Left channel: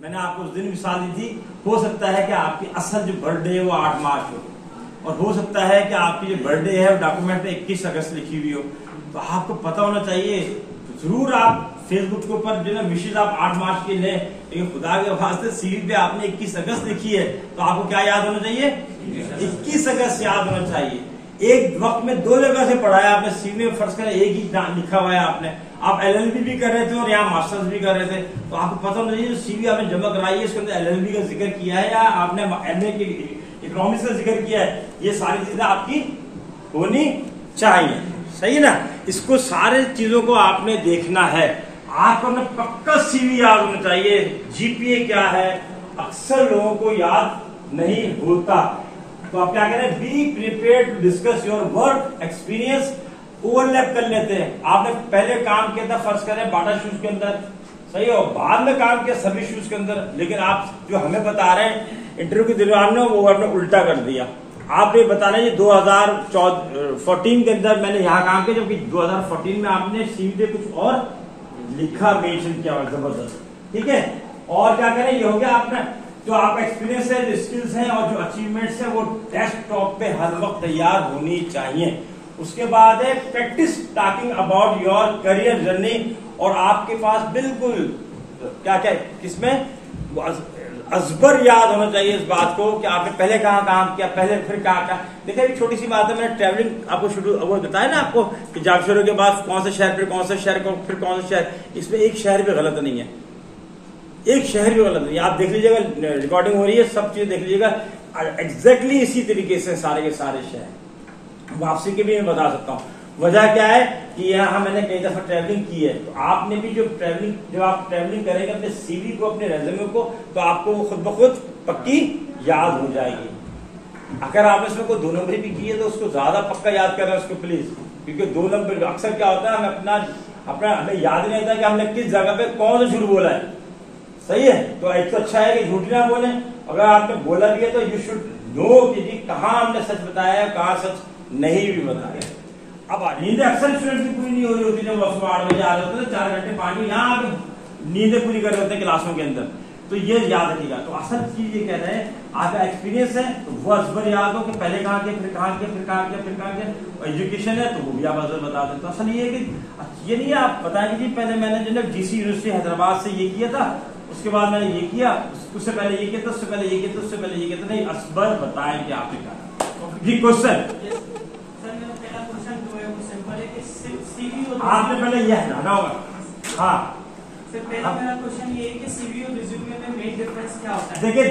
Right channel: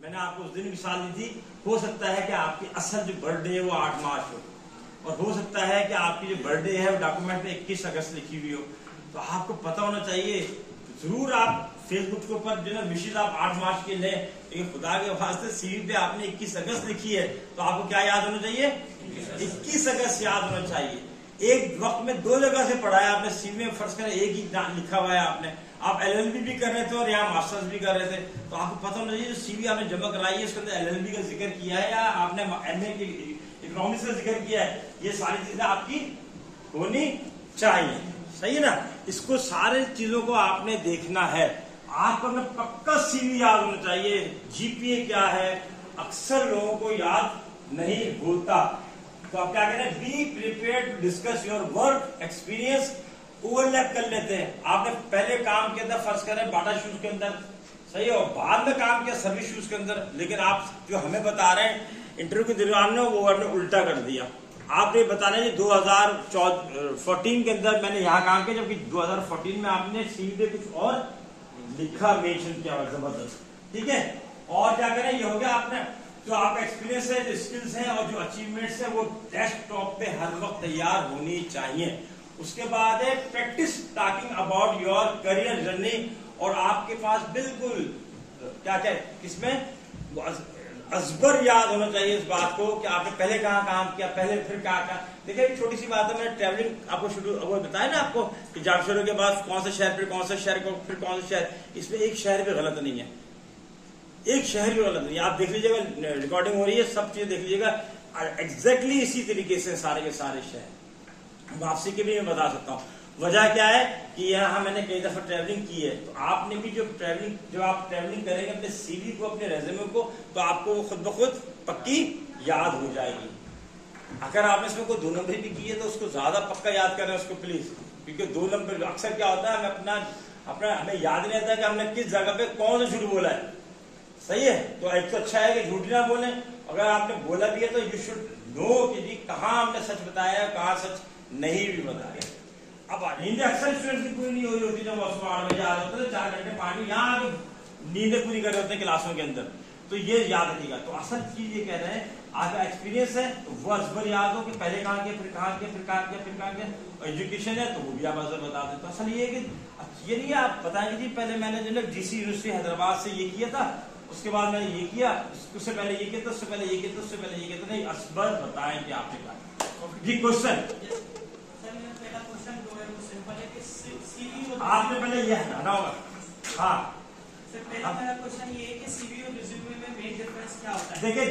मैंने आपको उस दिन मिसाल दी थी, हो सकता है कि आपकी असल जो बर्थडे है वो 8 मार्च हो, और हो सकता है कि आपकी जो बर्थडे है वो डॉक्यूमेंट में 21 अगस्त लिखी हुई हो। तो आपको पता होना चाहिए, तो जरूर आप फेसबुक के ऊपर जो ना विशेष आप 8 मार्च के लें, लेकिन खुदा के वास्ते सीवी पे आपने 21 अगस्त लिखी है, तो आपको क्या याद होना चाहिए? 21 अगस्त याद होना चाहिए। एक वक्त में 2 जगह से पढ़ा है आपने, सीवी में फर्ज करें एक ही लिखा हुआ है आपने, आप एलएलबी भी कर रहे थे और यहाँ मास्टर्स भी कर रहे थे, तो आपको पता होना चाहिए सीवी आपने जमा कराई है उसके अंदर एलएलबी का जिक्र किया है या आपने एमए की इकोनॉमिक्स का जिक्र किया है, ये सारी चीजें आपकी होनी चाहिए। सही है ना? इसको सारे चीजों को आपने देखना है। आपको अपना पक्का सीवी याद होना चाहिए। जीपीए क्या है अक्सर लोगों को याद नहीं होता, तो आप क्या कह रहे हैं? Be prepared to discuss your work experience. Overlap कर लेते हैं। आपने पहले काम किया था फर्ज करें बाटा शूज के अंदर, सही है, और बाद में काम किया सभी शूज के अंदर, लेकिन आप जो हमें बता रहे हैं इंटरव्यू के दौरान में वो आपने उल्टा कर दिया। आप ये बता रहे हैं 2014 के अंदर मैंने यहाँ काम किया, जबकि 2014 में आपने सीवी पे कुछ और लिखा, मेंशन किया हुआ जबरदस्त। ठीक है, और क्या करें, ये हो गया आपने जो आपका एक्सपीरियंस है, जो स्किल्स हैं और जो अचीवमेंट्स है वो डेस्कटॉप पे हर वक्त तैयार होनी चाहिए। उसके बाद है practice talking about your career journey, और आपके पास बिल्कुल क्या क्या किसमें अजबर याद होना चाहिए इस बात को कि आपने पहले कहाँ काम किया, पहले फिर कहाँ। देखिए एक छोटी सी बात है, मैंने ट्रैवलिंग आपको शुरू वो बताया ना आपको कि जॉब शुरू के बाद कौन से शहर, फिर कौन से शहर, फिर कौन से शहर, इसमें एक शहर भी गलत नहीं है, एक शहर भी गलत नहीं है। आप देख लीजिएगा, रिकॉर्डिंग हो रही है, सब चीज देख लीजिएगा, एग्जैक्टली इसी तरीके से सारे के सारे शहर। वापसी की भी मैं बता सकता हूँ। वजह क्या है कि यहाँ मैंने कई दफा ट्रैवलिंग की है, तो आपने भी जब आप ट्रैवलिंग करेंगे अपने सीवी को, अपने रेज्यूमे को, तो आपको वो खुद ब खुद पक्की याद हो जाएगी। अगर आपने इसमें कोई 2 नंबर भी की है तो उसको ज्यादा पक्का याद करना उसको प्लीज, क्योंकि 2 नंबर अक्सर क्या होता है हमें याद नहीं रहता कि हमने किस जगह पे कौन सा झूठ बोला है। सही है, तो एक तो अच्छा है कि झूठ ना बोले, अगर आपने बोला भी है तो यू शुड नो कि कहाँ हमने सच बताया है, कहाँ सच नहीं भी बताया। अब नींद अक्सर स्टूडेंट्स की पूरी नहीं हो रही होती, जब वो 8 बजे आ रहे होते हैं, 4 घंटे पानी यहाँ आके नींदें पूरी कर रहे होते हैं क्लासों के अंदर, तो ये याद रखिएगा। तो असल चीज ये कह रहे हैं, आपका एक्सपीरियंस है तो वो अजबर याद हो कि पहले कहाँ किया, फिर कहाँ किया, फिर कहाँ किया, फिर कहाँ किया। और एजुकेशन है तो वो भी आप अजबर बता दें। तो असल ये है कि ये नहीं है आप बताएंगे जी पहले मैंने जो है जीसी यूनिवर्सिटी हैदराबाद से ये किया था, उसके बाद मैंने ये किया, उससे पहले ये किया था, उससे पहले ये किया था, उससे पहले ये किया था। नहीं, असबर बताएं कि आपने क्या जी। क्वेश्चन आपने पहले यह हटाना होगा। हाँ, पहला मेरा क्वेश्चन ये है कि सीवी और रिज्यूमे में मेन डिफरेंस क्या होता है? देखिए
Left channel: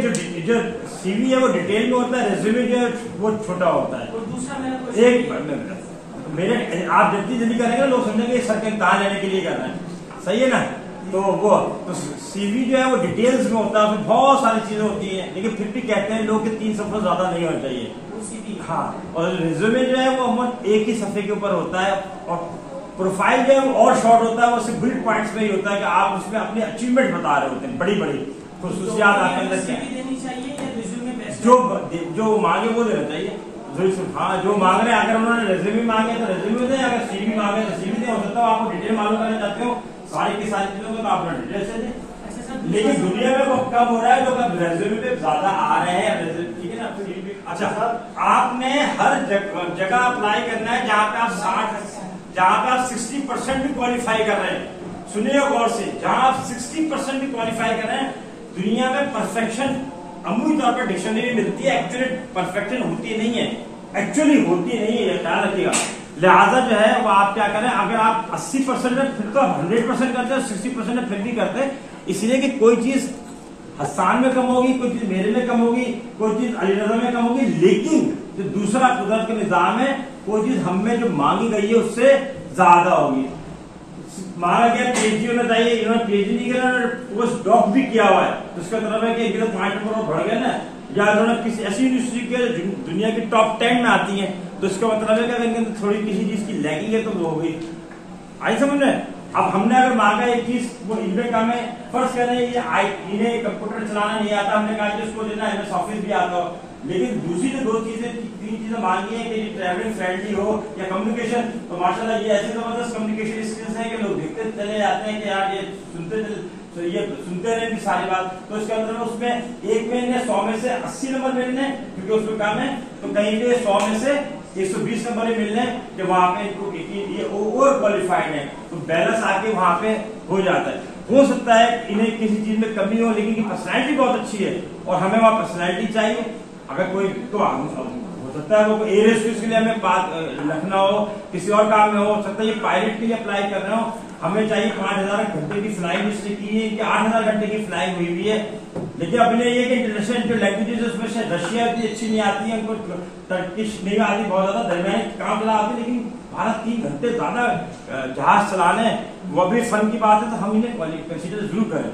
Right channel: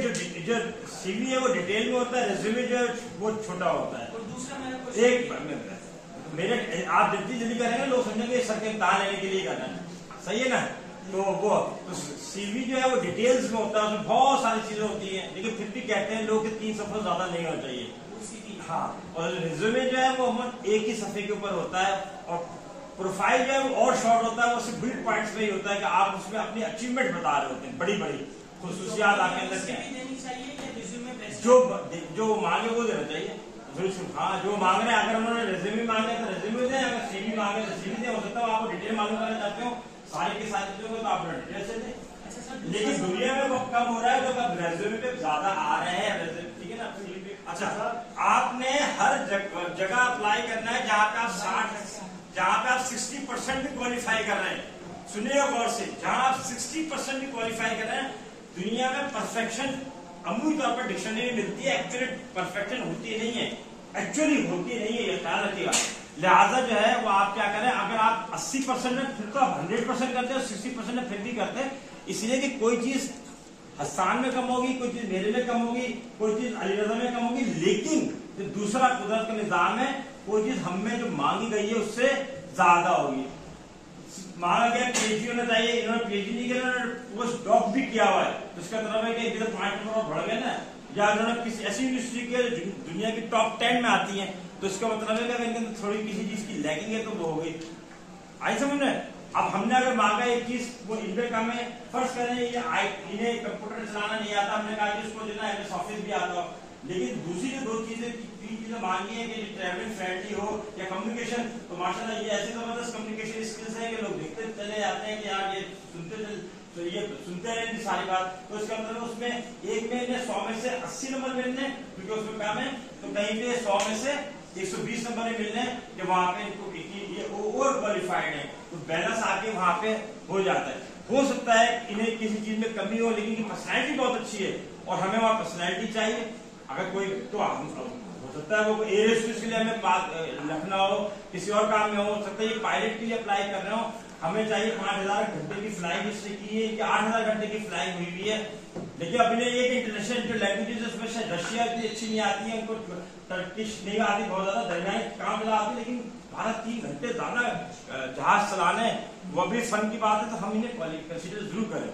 जो सीवी है वो डिटेल में होता है, रिज्यूमे जो है वो छोटा होता है। और दूसरा मेरा क्वेश्चन तो मेरे आप जितनी जल्दी करेंगे लोग समझेंगे सर के कहाँ लेने के लिए कर रहे हैं। सही है ना? तो वो तो सीवी जो है वो डिटेल्स में होता है, उसमें बहुत सारी चीजें होती हैं, लेकिन फिर भी कहते हैं लोग कि 3 सफा ज्यादा नहीं होना चाहिए। हाँ, और रिज्यूमे जो है वो एक ही सफे के ऊपर होता है, और प्रोफाइल जो है वो और शॉर्ट होता है, वो सिर्फ बुलेट पॉइंट्स में ही होता है कि आप उसमें अपने अचीवमेंट बता रहे होते हैं, बड़ी बड़ी खुसूसियात आपके अंदर क्या देनी चाहिए या रिज्यूमे बेस्ट? जो मांगे वो देना चाहिए। हाँ, जो मांग रहे हैं, अगर उन्होंने रेज्यूमे मांगे तो रेज्यूमे दें, अगर सीवी मांगे तो सीवी दें। हो सकता है आपको डिटेल मालूम करना चाहते हो सारी की सारी चीजों में, तो आप डिटेल से दें। लेकिन दुनिया में वो कम हो रहा है, जो रेज्यूमे पे ज्यादा आ रहे हैं। ठीक है ना? अच्छा सर, आपने हर जगह अप्लाई करना है जहाँ पे आप 60% भी क्वालिफाई कर रहे हैं। सुनिए गौर से, जहां आप 60% भी क्वालिफाई कर रहे हैं, दुनिया में परफेक्शन अमूली तौर पर डिक्शनरी मिलती है, एक्चुअली परफेक्शन होती नहीं है, एक्चुअली होती नहीं है, ख्याल रखिएगा। लिहाजा जो है वो आप क्या करें, अगर आप 80% में फिर तो आप 100% करते हैं, 60% में फिर भी करते हैं, इसलिए कि कोई चीज हसान में कम होगी, कोई चीज मेरे में कम होगी, कोई चीज अली रजा में कम होगी, लेकिन जो दूसरा कुदरत का निजाम है, कोई चीज हमें जो मांगी गई है उससे ज्यादा होगी। माना गया पीएचडी होना चाहिए, इन्होंने पीएचडी नहीं किया, उन्होंने पोस्ट डॉक भी किया हुआ है, तो इसका मतलब है कि इनके तो पॉइंट नंबर बढ़ गए ना, या इन्होंने किसी ऐसी यूनिवर्सिटी के दुनिया की टॉप 10 में आती है, तो इसका मतलब है कि इनके अंदर थोड़ी किसी चीज की लैकिंग है तो वो हो गई। आई समझ में? अब हमने अगर मांगा एक चीज वो इनमें कम है, फर्ज करें ये इन्हें कंप्यूटर चलाना नहीं आता, हमने कहा इसको देना एमएस ऑफिस भी आता हो, लेकिन दूसरी जो 3 चीजें मांगी है कि ट्रैवलिंग फ्रेंडली हो या कम्युनिकेशन, तो माशाल्लाह ये ऐसी जबरदस्त कम्युनिकेशन स्किल्स हैं कि लोग देखते चले जाते हैं कि यार ये तो ये सुनते हैं कि सारी बात, तो इसके अंदर में उसमें एक में 100 में से 80 नंबर मिलने, क्योंकि उसमें काम है, तो कहीं पे 100 में से 120 नंबर ही मिलने कि वहां पे इनको ये ओवर क्वालिफाइड है, तो बैलेंस आके वहां पे हो जाता है। हो सकता है इन्हें किसी चीज में कमी हो, लेकिन पर्सनैलिटी बहुत अच्छी है और हमें वहां पर्सनैलिटी चाहिए। अगर कोई तो हो सकता है वो एयर के लिए हमें बात रखना हो, किसी और काम में हो सकता है, ये पायलट के लिए अप्लाई कर रहे हो, हमें चाहिए 5000 घंटे की फ्लाइंग इससे की है कि 8000 घंटे की फ्लाइंग हुई हुई है। लेकिन अब इन्हें ये कि इंटरनेशनल जो लैंग्वेजेस है उसमें से रशिया की अच्छी नहीं आती है, उनको टर्किश नहीं आती, बहुत ज्यादा दरमियानी काम चला आती है, लेकिन 12-3 घंटे ज्यादा जहाज चलाने वो भी फन की बात है, तो हम इन्हें कंसिडर जरूर करें।